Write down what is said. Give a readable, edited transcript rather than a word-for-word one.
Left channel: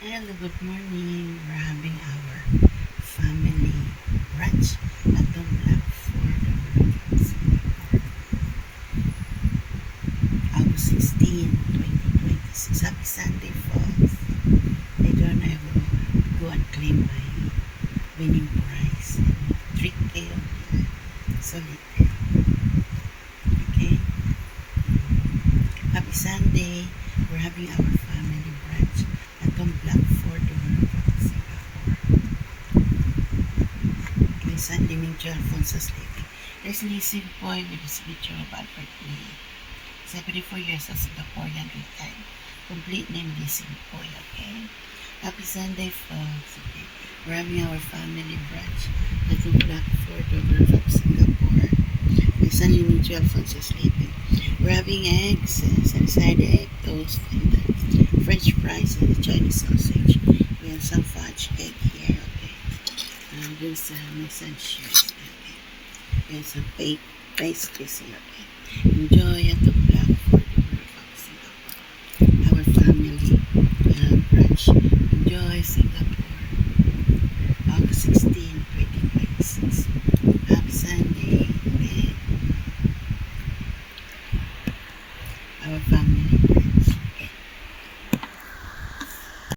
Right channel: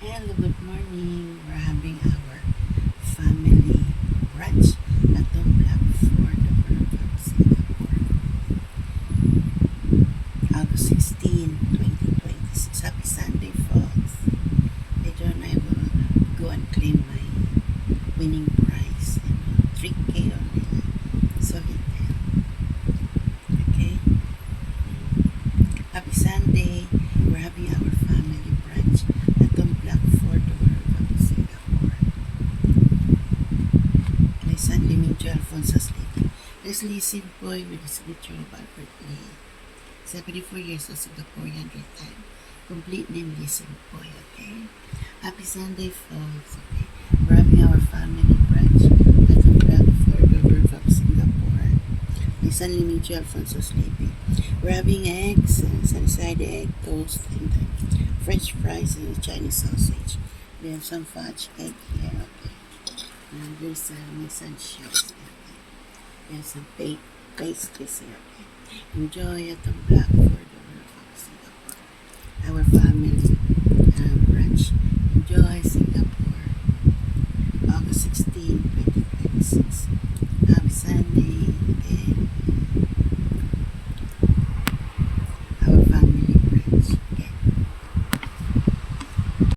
Hello, good morning. We're having our family brunch at the Black Fort of Singapore, August 16, 2026. Happy Sunday, folks. Later on, I will go and claim my winning prize. 3K only. Solitaire. Okay? Happy Sunday. We're having our family brunch at the Black Fort of Singapore. My son, Dimitri Alfonso, sleeping. There's Lizzie Boy with his picture of Albert Lee. 74 years of Singaporean retired. Complete name Lizzie Boy, okay? Happy Sunday, folks. Okay? We're having our family brunch at the Black Fort of Singapore. My son, Dimitri Alfonso, sleeping. We're having eggs, sunny-side egg toast, and French fries and the Chinese sausage. We have some fudge cake here, okay? And there's my son's shirt, okay? There's some pastries here, okay? Enjoy at the Black Fort.